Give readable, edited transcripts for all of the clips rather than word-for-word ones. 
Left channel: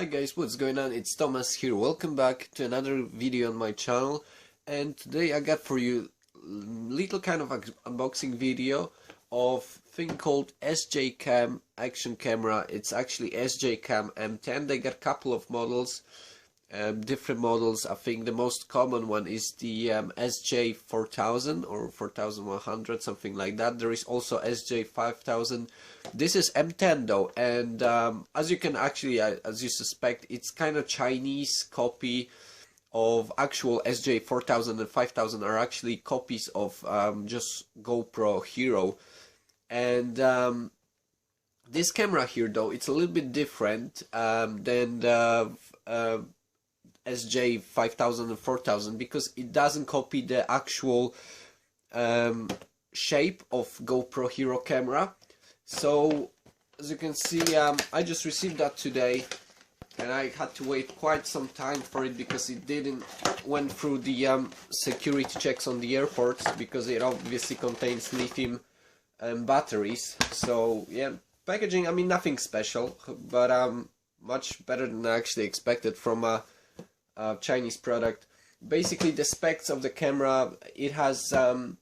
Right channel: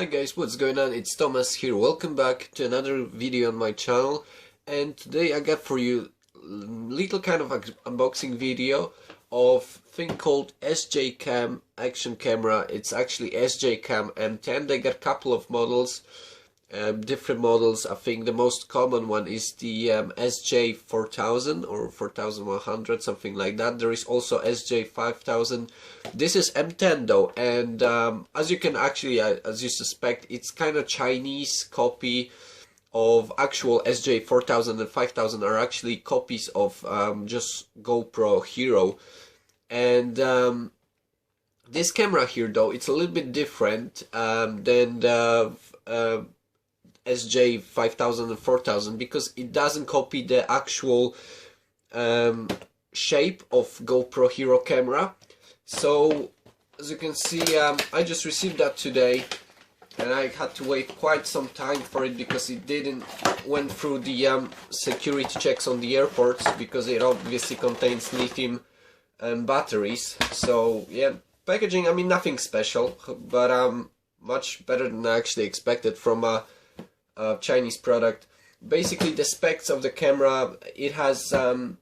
Hi guys, what's going on? It's Thomas here. Welcome back to another video on my channel, and today I got for you little kind of unboxing video of thing called SJCAM action camera. It's actually SJCAM M10. They got a couple of models, different models. I think the most common one is the SJ4000 or 4100, something like that. There is also SJ5000. This is M10 though, and as you can actually, as you suspect, it's kind of Chinese copy of actual SJ4000 and 5000 are actually copies of just GoPro Hero. And this camera here though, it's a little bit different than the SJ5000 and 4000 because it doesn't copy the actual shape of GoPro Hero camera. So as you can see, I just received that today, and I had to wait quite some time for it because it didn't went through the security checks on the airports, because it obviously contains lithium batteries. So yeah, packaging, I mean, nothing special, but much better than I actually expected from a Chinese product. Basically, the specs of the camera: it has 12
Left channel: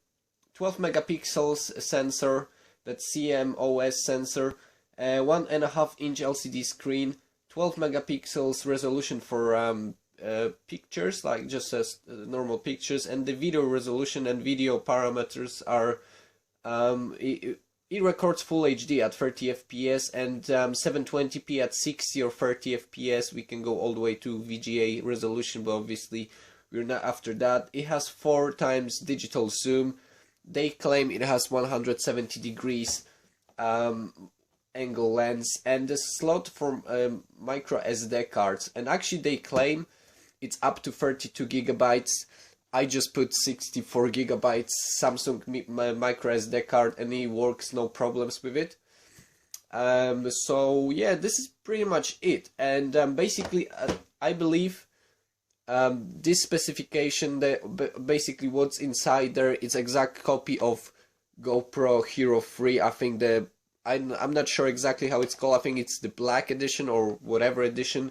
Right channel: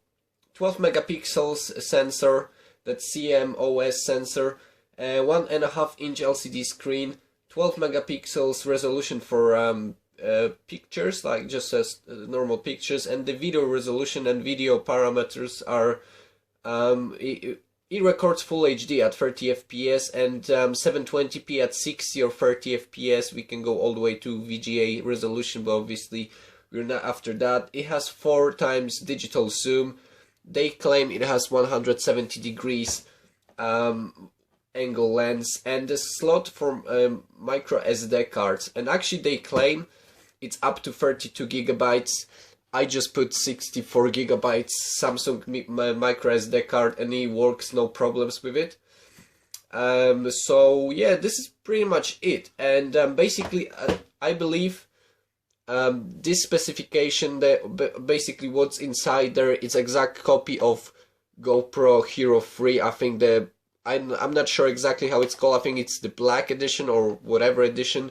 megapixels sensor, that's CMOS sensor, 1.5-inch LCD screen, 12 megapixels resolution for pictures, like just as normal pictures, and the video resolution and video parameters are it records full HD at 30 fps and 720p at 60 or 30 fps. We can go all the way to VGA resolution, but obviously we're not after that. It has 4 times digital zoom. They claim it has 170 degrees angle lens, and the slot for micro SD cards, and actually they claim it's up to 32 gigabytes. I just put 64 gigabytes Samsung micro SD card and it works, no problems with it. So yeah, this is pretty much it. And basically I believe this specification, basically what's inside there, it's exact copy of GoPro Hero 3. I think I'm not sure exactly how it's called. I think it's the black edition or whatever edition,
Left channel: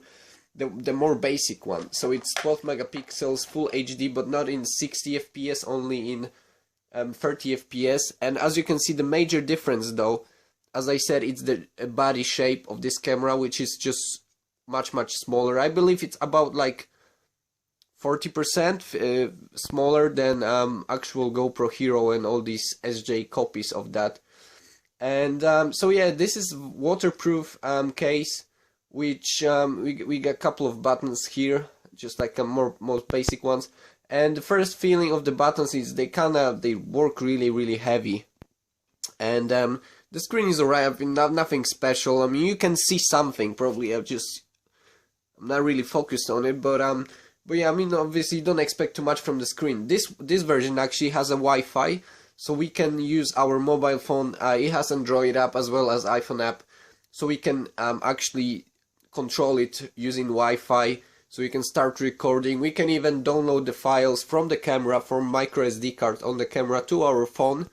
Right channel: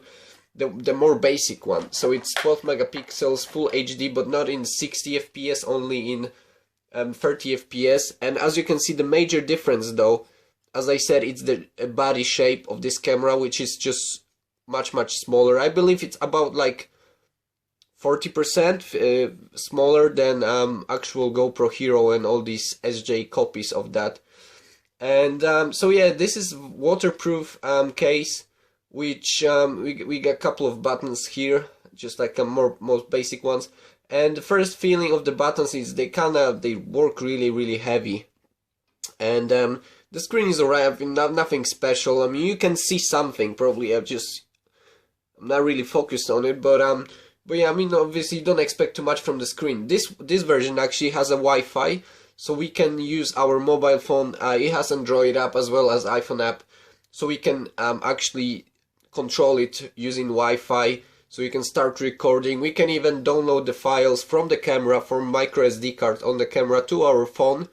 the more basic one. So it's 12 megapixels, full HD, but not in 60 fps, only in 30 fps. And as you can see, the major difference though, as I said, it's the body shape of this camera, which is just much smaller. I believe it's about like 40% smaller than actual GoPro Hero and all these SJ copies of that. And so yeah, this is waterproof case, which we got a couple of buttons here, just like most basic ones. And the first feeling of the buttons is they work really heavy. And the screen is alright. I mean, nothing special. I mean, you can see something probably. I'm not really focused on it, but yeah, I mean, obviously you don't expect too much from the screen. This version actually has a Wi-Fi, so we can use our mobile phone. It has Android app as well as iPhone app, so we can actually control it using Wi-Fi. So we can start recording. We can even download the files from the camera, from micro SD card on the camera, to our phone,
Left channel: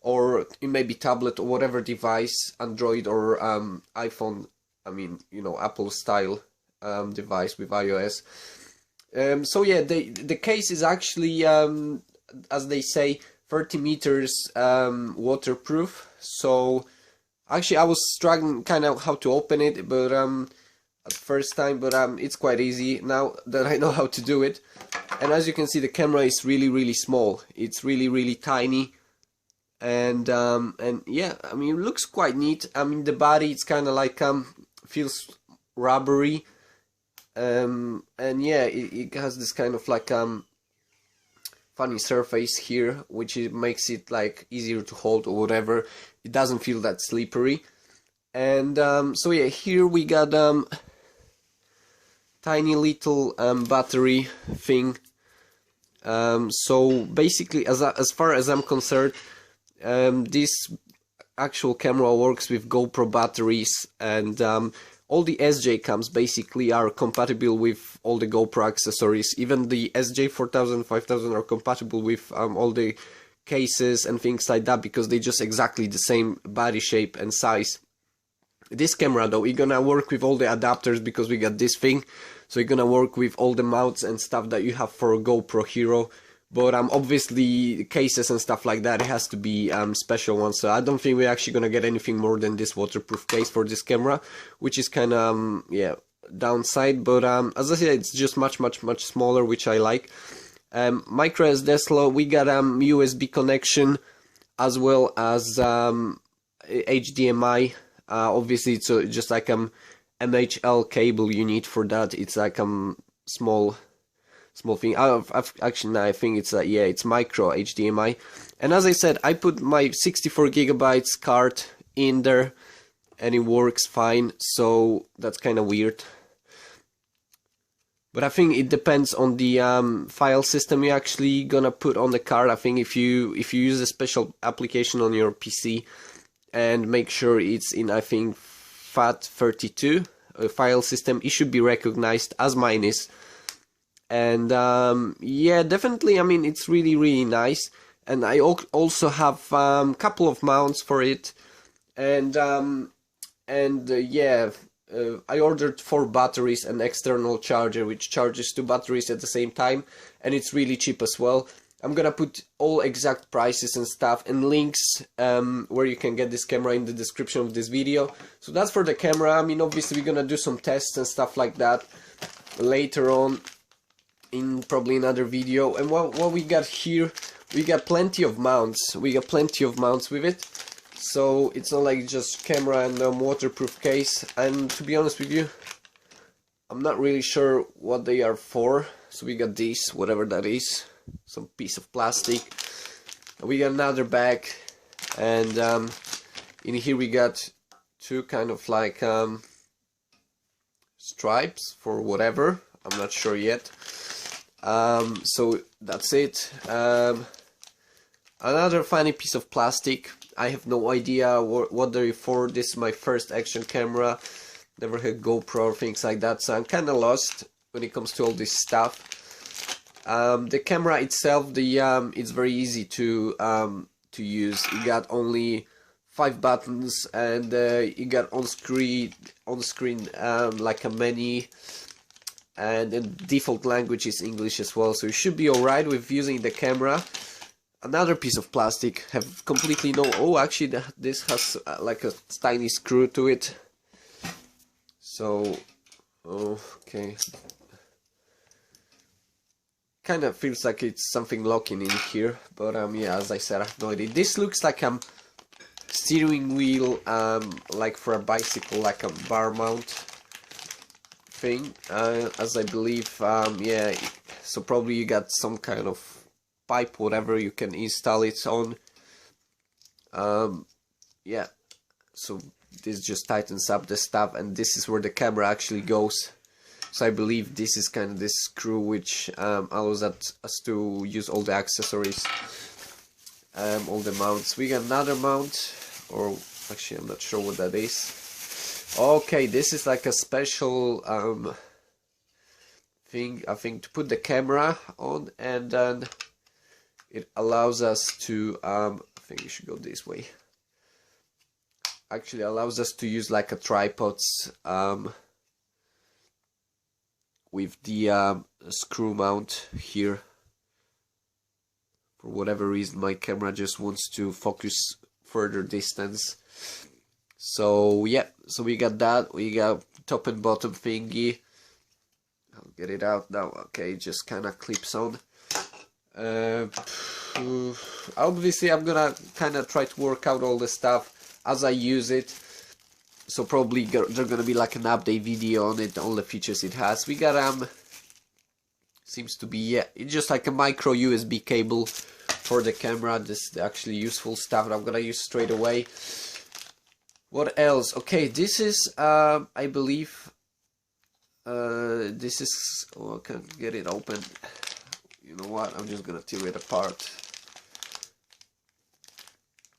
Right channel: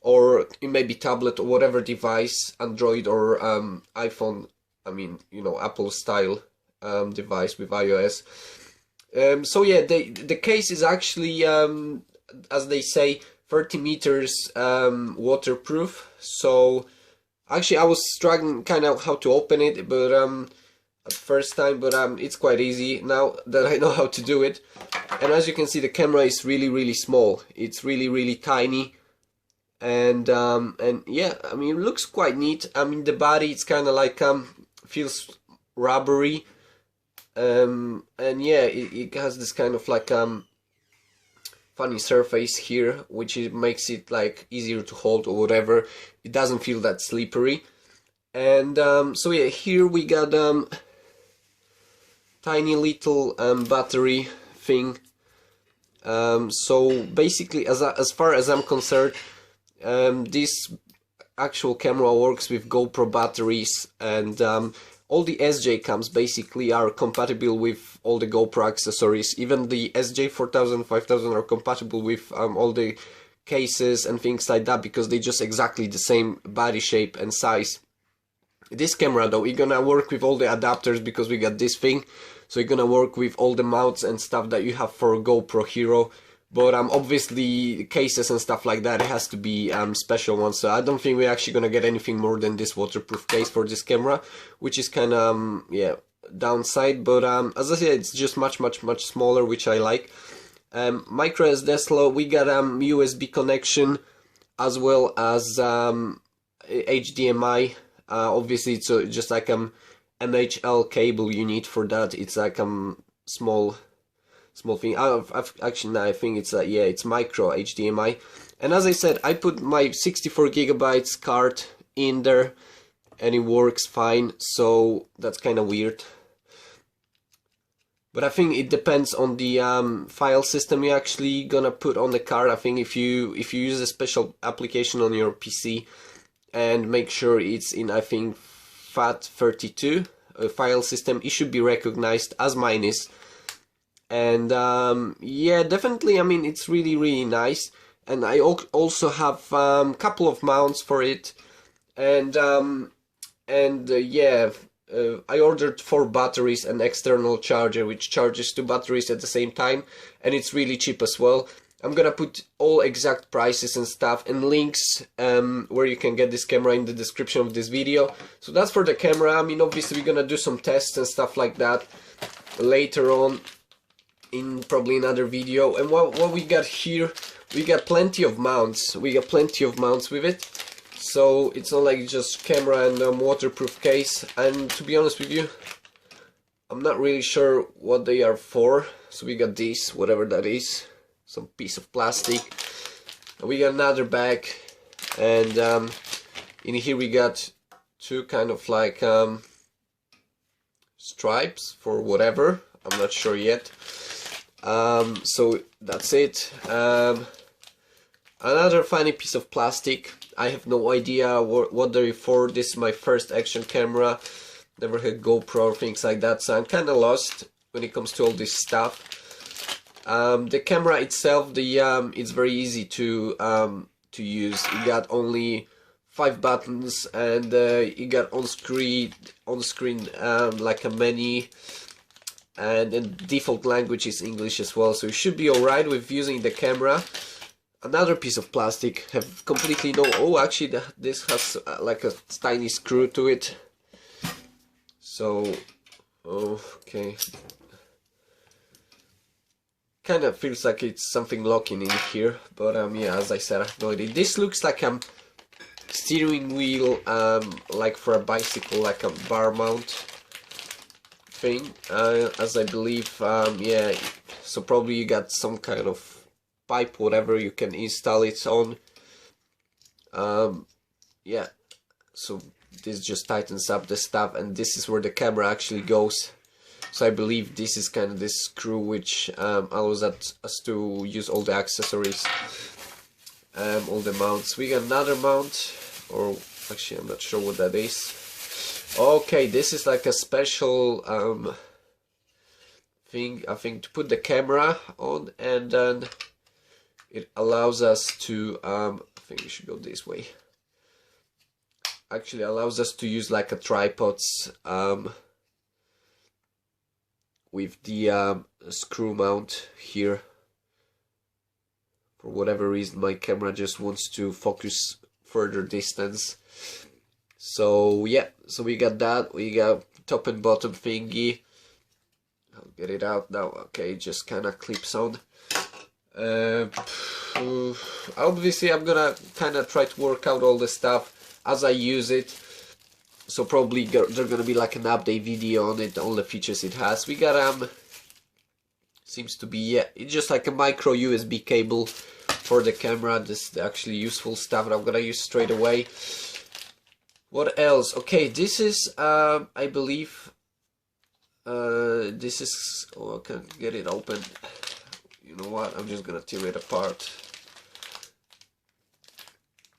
or maybe tablet or whatever device, Android or iPhone. I mean, you know, Apple style device with iOS. So yeah, the case is actually, as they say, 30 meters waterproof. So actually I was struggling kind of how to open it, but at first time, but it's quite easy now that I know how to do it. And as you can see, the camera is really small. It's really tiny, and yeah, I mean, it looks quite neat. I mean, the body, it's kind of like feels rubbery. And yeah, it has this kind of like funny surface here, which makes it like easier to hold or whatever. It doesn't feel that slippery. And so yeah, here we got tiny little battery thing. So basically, as far as I'm concerned, this actual camera works with GoPro batteries, and all the SJCAMs basically are compatible with all the GoPro accessories. Even the SJ4000, 5000 are compatible with all the cases and things like that, because they just exactly the same body shape and size. This camera though, we're gonna work with all the adapters because we got this thing, so you're gonna work with all the mounts and stuff that you have for GoPro Hero. But obviously cases and stuff like that, it has to be special ones. So I don't think we're actually gonna get anything more than this waterproof case for this camera, which is kind of yeah, downside. But as I said, it's just much smaller, which I like. Micro SD slot, we got USB connection as well as HDMI. Obviously it's just like MHL cable you need for that. It's like small thing. Actually, no, I think it's yeah, it's micro HDMI. And as I said, I put my 64 gigabytes card in there and it works fine, so that's kind of weird. But I think it depends on the file system you're actually gonna put on the card. I think if you use a special application on your PC and make sure it's in, I think, FAT32 file system, it should be recognized, as mine is. And yeah, definitely, I mean, it's really nice. And I also have couple of mounts for it, and yeah, I ordered 4 batteries and external charger which charges 2 batteries at the same time, and it's really cheap as well. I'm gonna put all exact prices and stuff and links where you can get this camera in the description of this video. So that's for the camera. I mean, obviously we're gonna do some tests and stuff like that later on in probably another video. And what we got here, we got plenty of mounts. We got plenty of mounts with it. So it's not like just camera and waterproof case. And to be honest with you, I'm not really sure what they are for. So we got this, whatever that is, some piece of plastic. And we got another bag, and in here we got 2 kind of like stripes for whatever. I'm not sure yet. So that's it. Another funny piece of plastic. I have no idea what they're for. This is my first action camera. Never had GoPro or things like that, so I'm kind of lost when it comes to all this stuff. The camera itself, it's very easy to use. You got only 5 buttons, and you got on screen like a menu, and the default language is English as well, so you should be alright with using the camera. Another piece of plastic, have completely no, oh actually this has like a tiny screw to it, so okay, kind of feels like it's something locking in here, but yeah, as I said, I have no idea. This looks like a steering wheel, like for a bicycle, like a bar mount thing, as I believe. Yeah, so probably you got some kind of pipe, whatever, you can install it on. Yeah, so this just tightens up the stuff, and this is where the camera actually goes. So I believe this is kind of this screw which allows us to use all the accessories, all the mounts. We got another mount, or actually I'm not sure what that is. Okay, this is like a special thing, I think, to put the camera on, and then it allows us to, I think we should go this way, actually allows us to use like a tripods with the screw mount here. For whatever reason my camera just wants to focus further distance. So yeah, so we got that, we got top and bottom thingy. I'll get it out now. Okay, just kind of clips on. Obviously I'm gonna kind of try to work out all the stuff as I use it, so probably there's gonna be like an update video on it, all the features it has. We got seems to be, yeah, it's just like a micro USB cable for the camera. This is actually useful stuff that I'm gonna use straight away. What else? Okay, this is I believe this is, oh, I can't get it open. You know what, I'm just gonna tear it apart,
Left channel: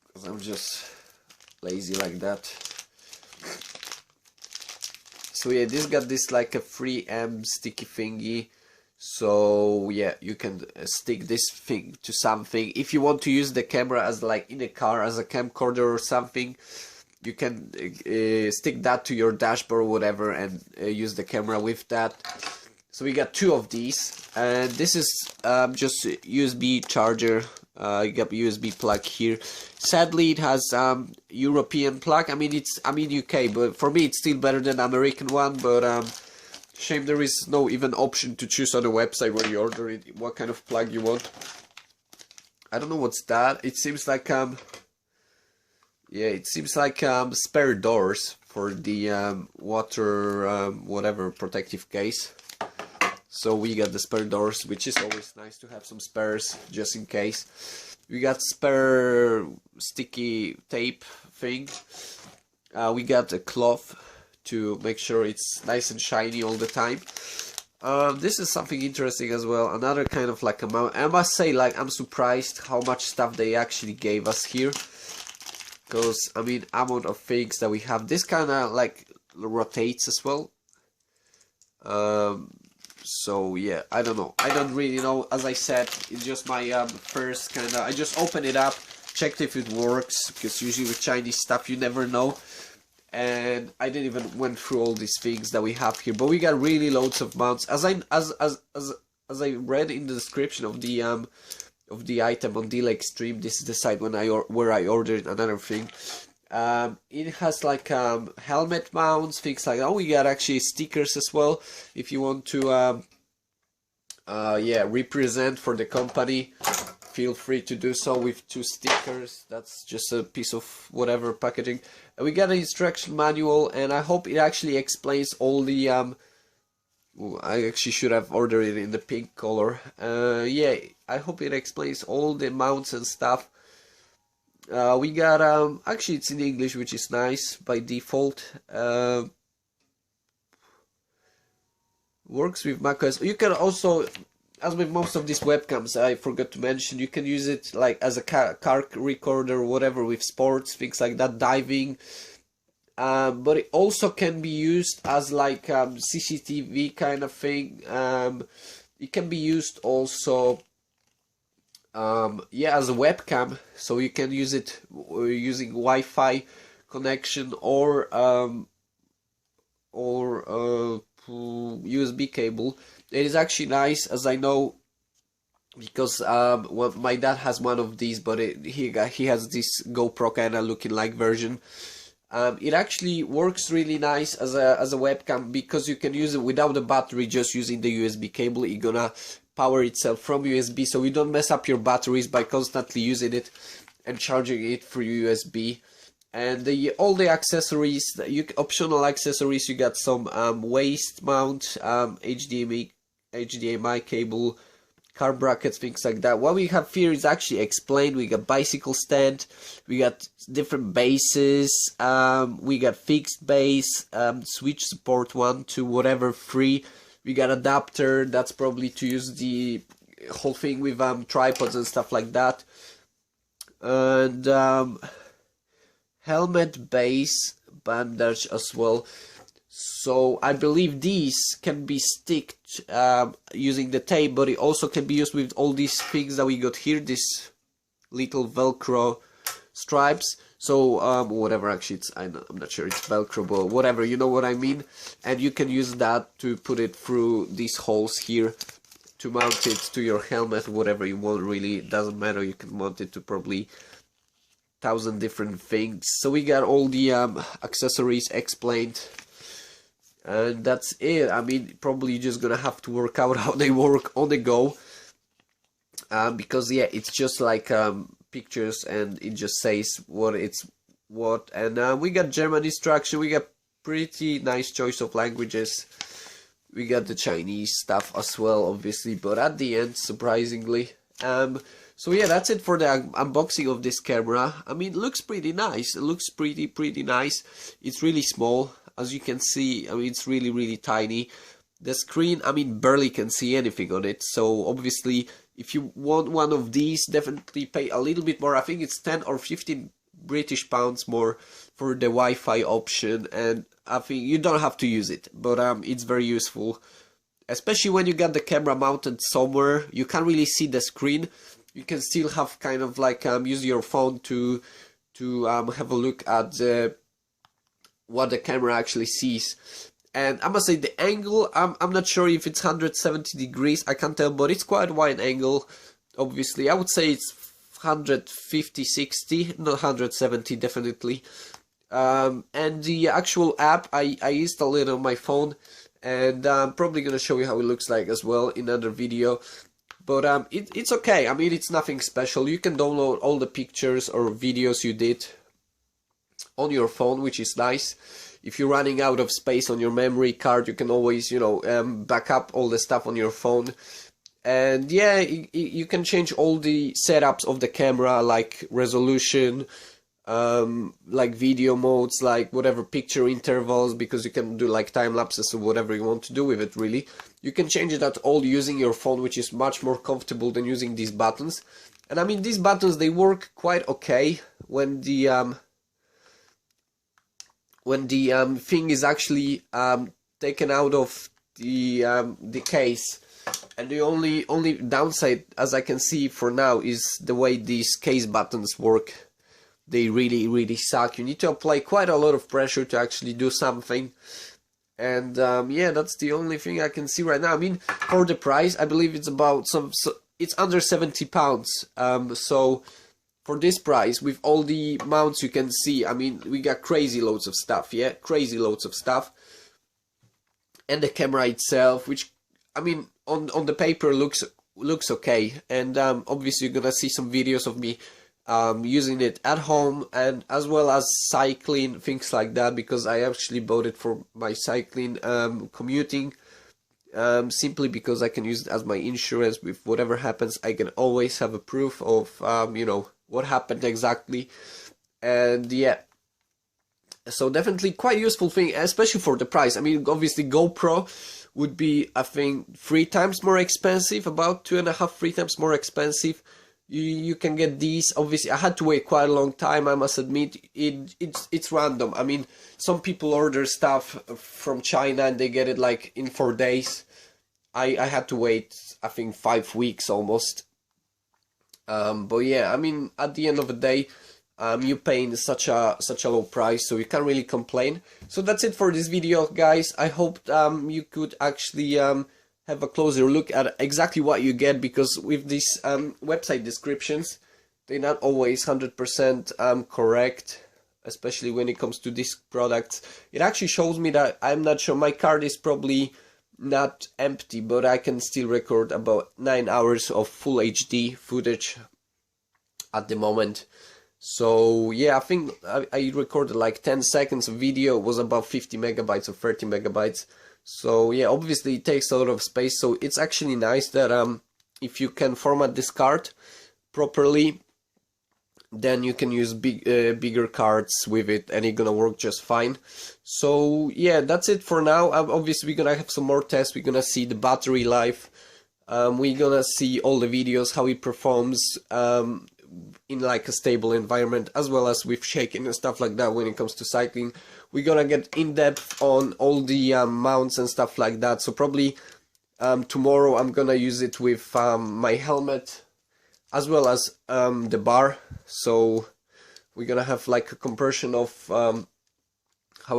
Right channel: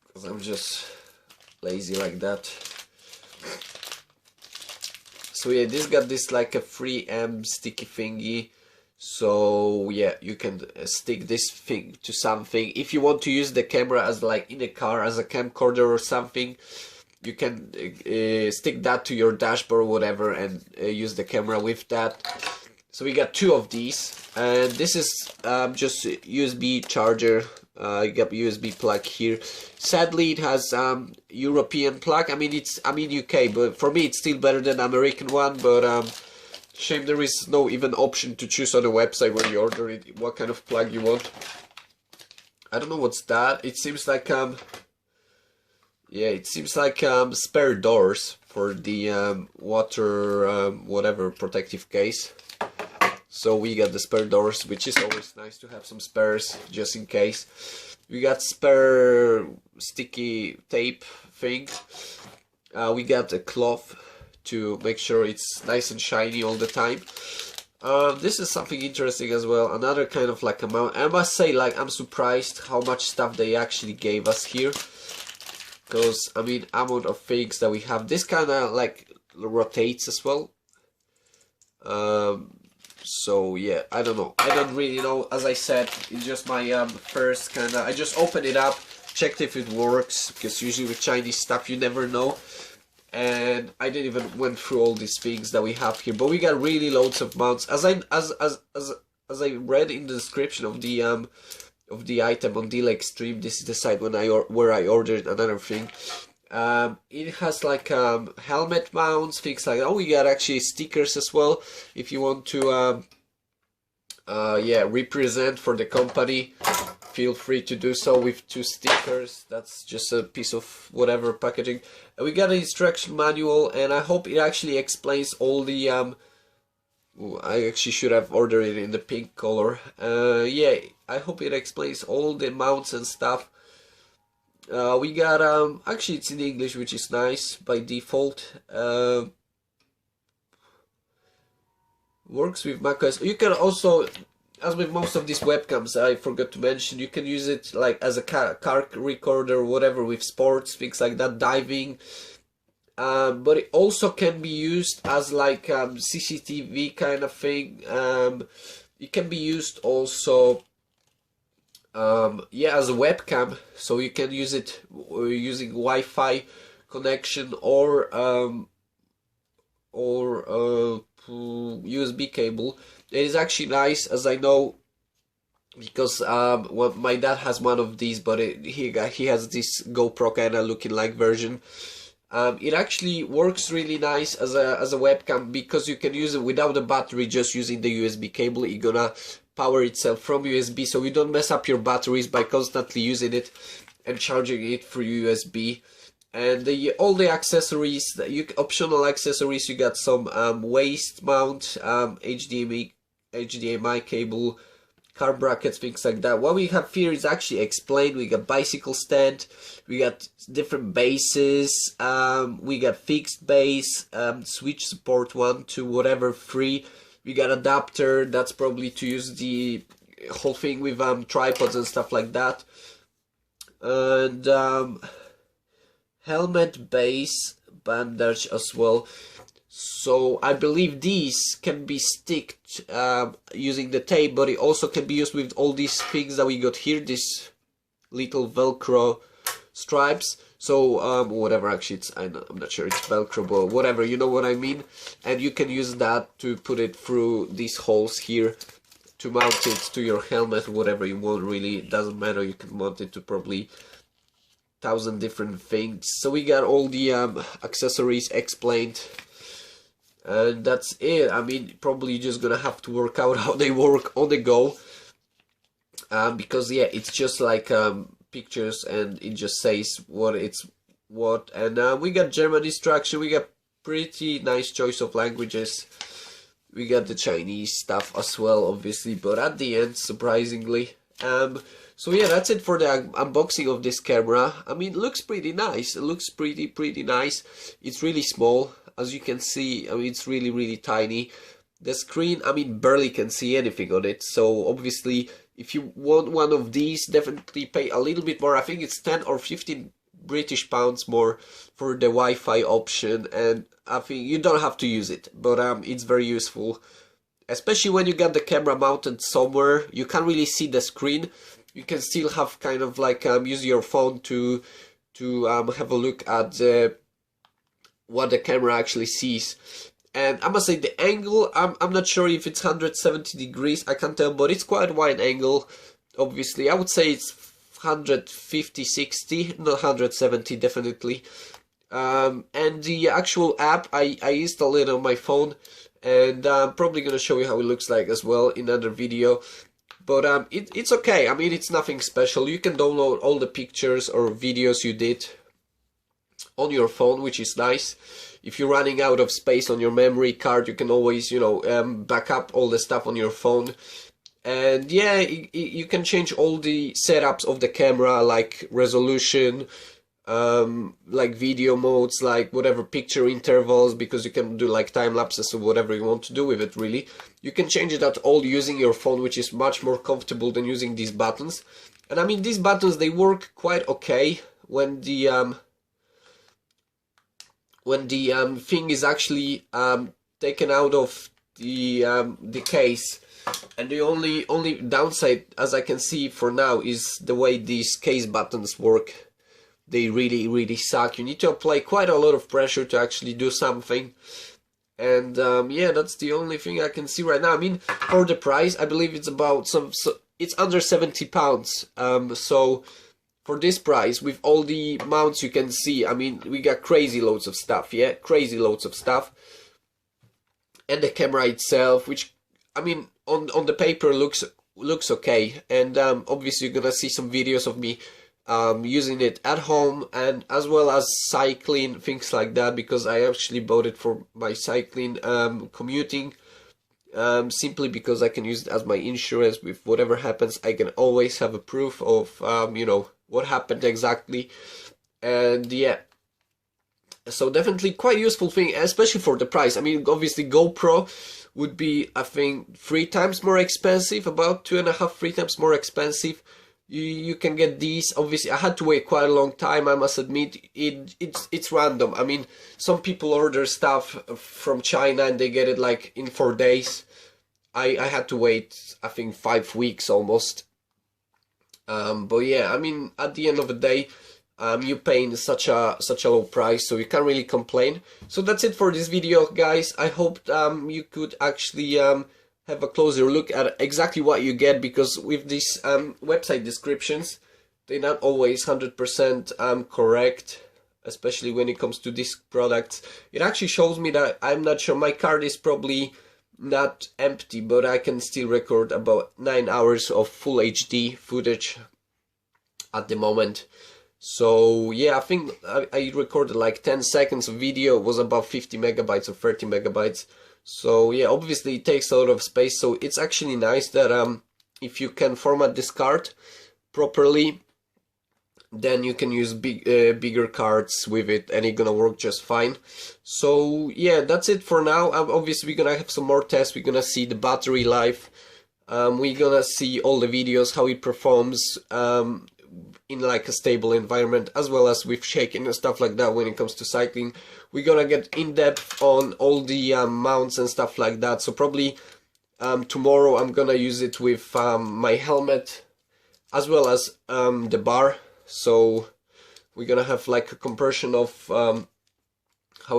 because I'm just lazy like that. So yeah, this got this like a 3M sticky thingy, so yeah, you can stick this thing to something if you want to use the camera as like in a car as a camcorder or something. you can stick that to your dashboard or whatever, and use the camera with that. So we got 2 of these, and this is just a USB charger. You got USB plug here. Sadly, it has European plug. I mean UK, but for me it's still better than American one. But shame there is no even option to choose on the website when you order it what kind of plug you want. I don't know what's that. It seems like yeah, it seems like spare doors for the water whatever protective case. So we got the spare doors, which is always nice to have some spares just in case. We got spare sticky tape thing. We got a cloth to make sure it's nice and shiny all the time. This is something interesting as well. Another kind of like amount. I must say, like, I'm surprised how much stuff they actually gave us here. Because, I mean, amount of things that we have. This kind of like rotates as well. So yeah, I don't know. I don't really know. As I said, it's just my first kind of. I just opened it up, checked if it works, because usually with Chinese stuff you never know. And I didn't even went through all these things that we have here, but we got really loads of mounts. As I read in the description of the item on Deal Extreme, this is the site where I ordered another thing. It has like helmet mounts, things like that. Oh, we got actually stickers as well if you want to yeah, represent for the company. Feel free to do so with 2 stickers. That's just a piece of whatever packaging. We got an instruction manual, and I hope it actually explains all the ooh, I actually should have ordered it in the pink color. Yeah, I hope it explains all the mounts and stuff. We got actually it's in English, which is nice by default. Works with macOS. You can also, as with most of these webcams, I forgot to mention, you can use it like as a car recorder or whatever, with sports, things like that, diving. But it also can be used as like CCTV kind of thing. It can be used also yeah, as a webcam, so you can use it using Wi-Fi connection or USB cable. It is actually nice, as I know, because well, my dad has one of these, but he has this GoPro kind of looking like version. It actually works really nice as a webcam, because you can use it without the battery, just using the USB cable. It's gonna power itself from USB, so you don't mess up your batteries by constantly using it and charging it through USB. And all the accessories, optional accessories, you got some waist mount, HDMI cable, car brackets, things like that. What we have here is actually explained. We got bicycle stand, we got different bases, we got fixed base, switch support 1 to whatever 3. We got adapter, that's probably to use the whole thing with tripods and stuff like that. And helmet base bandage as well. So I believe these can be sticked using the tape, but it also can be used with all these things that we got here, these little Velcro stripes. So whatever, actually it's, I'm not sure it's Velcro, but whatever, you know what I mean. And you can use that to put it through these holes here to mount it to your helmet, whatever you want, really, it doesn't matter. You can mount it to probably 1,000 different things. So we got all the accessories explained, and that's it. I mean, probably just gonna have to work out how they work on the go, because yeah, it's just like pictures, and it just says what it's what. And we got German instruction, we got pretty nice choice of languages, we got the Chinese stuff as well, obviously, but at the end, surprisingly. So yeah, that's it for the unboxing of this camera. I mean, it looks pretty nice. It looks pretty nice. It's really small, as you can see. I mean, it's really tiny. The screen, I mean, barely can see anything on it. So obviously, if you want one of these, definitely pay a little bit more. I think it's 10 or 15 British pounds more for the Wi-Fi option, and I think you don't have to use it, but it's very useful, especially when you got the camera mounted somewhere. You can't really see the screen. You can still have kind of like use your phone to have a look at the what the camera actually sees. And I must say the angle, I'm not sure if it's 170 degrees, I can't tell, but it's quite a wide angle. Obviously, I would say it's 150, 60, not 170 definitely. And the actual app, I installed it on my phone, and I'm probably gonna show you how it looks like as well in another video. But it's okay. I mean, it's nothing special. You can download all the pictures or videos you did on your phone, which is nice. If you're running out of space on your memory card, you can always, you know, back up all the stuff on your phone. And yeah, you can change all the setups of the camera, like resolution, like video modes, like whatever picture intervals, because you can do like time lapses or whatever you want to do with it. Really, you can change it at all using your phone, which is much more comfortable than using these buttons. And I mean, these buttons, they work quite okay when the thing is actually taken out of the case. And the only downside, as I can see for now, is the way these case buttons work. They really suck. You need to apply quite a lot of pressure to actually do something. And yeah, that's the only thing I can see right now. I mean, for the price, I believe it's about it's under £70. So for this price, with all the mounts you can see, I mean, we got crazy loads of stuff, yeah, crazy loads of stuff. And the camera itself, which, I mean, on the paper looks okay. And obviously you're gonna see some videos of me using it at home, and as well as cycling, things like that, because I actually bought it for my cycling commuting, simply because I can use it as my insurance. With whatever happens, I can always have a proof of you know, what happened exactly. And yeah, so definitely quite useful thing, especially for the price. I mean, obviously GoPro would be, I think, 3 times more expensive, about 2.5, 3 times more expensive. You can get these. Obviously, I had to wait quite a long time, I must admit. It's random. I mean, some people order stuff from China and they get it like in 4 days. I had to wait, I think, 5 weeks almost. But yeah, I mean, at the end of the day, you're paying such a low price, so you can't really complain. So that's it for this video, guys. I hope you could actually have a closer look at exactly what you get, because with these website descriptions, they're not always 100% correct, especially when it comes to these products. It actually shows me that, I'm not sure, my card is probably not empty, but I can still record about 9 hours of full HD footage at the moment. So yeah, I think I recorded like 10 seconds of video, was about 50 megabytes or 30 megabytes. So yeah, obviously it takes a lot of space, so it's actually nice that if you can format this card properly, then you can use bigger cards with it, and it's gonna work just fine. So yeah, that's it for now. Obviously we're gonna have some more tests. We're gonna see the battery life, we're gonna see all the videos, how it performs in like a stable environment, as well as with shaking and stuff like that when it comes to cycling. We're gonna get in depth on all the mounts and stuff like that. So probably tomorrow I'm gonna use it with my helmet as well as the bar. So we're gonna have like a comparison of how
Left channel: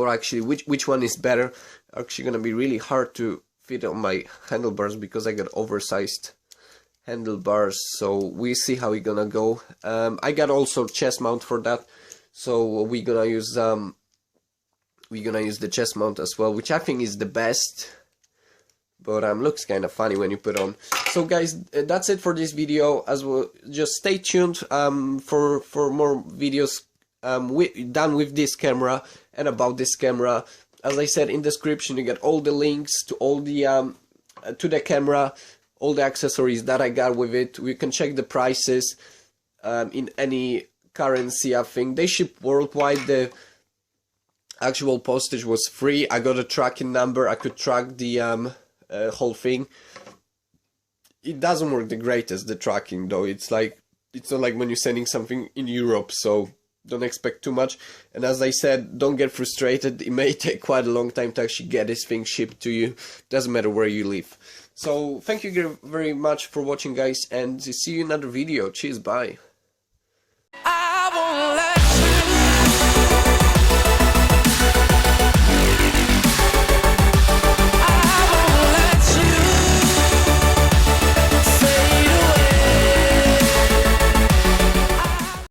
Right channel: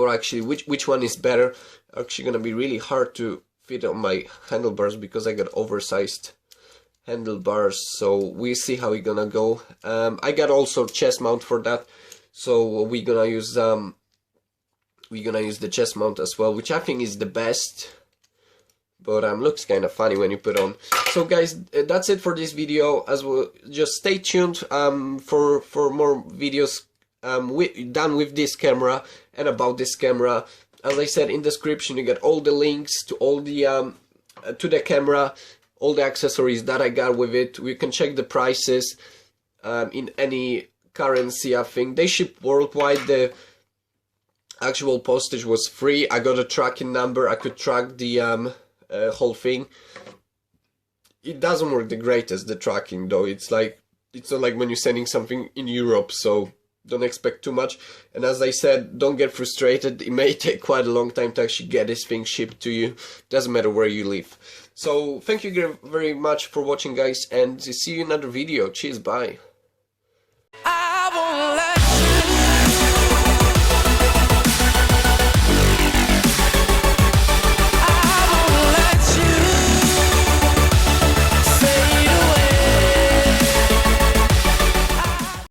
actually which one is better. Actually gonna be really hard to fit on my handlebars because I got oversized handlebars, so we see how we're gonna go. I got also chest mount for that, so we're gonna use the chest mount as well, which I think is the best, but looks kind of funny when you put on. So guys, that's it for this video. As well, just stay tuned for more videos done with this camera and about this camera. As I said, in description you get all the links to all the to the camera, all the accessories that I got with it. We can check the prices in any currency. I think they ship worldwide. The actual postage was free. I got a tracking number. I could track the whole thing. It doesn't work the greatest, the tracking, though. It's like, it's not like when you're sending something in Europe, so don't expect too much. And as I said, don't get frustrated. It may take quite a long time to actually get this thing shipped to you. Doesn't matter where you live. So thank you very much for watching, guys, and see you in another video. Cheers, bye.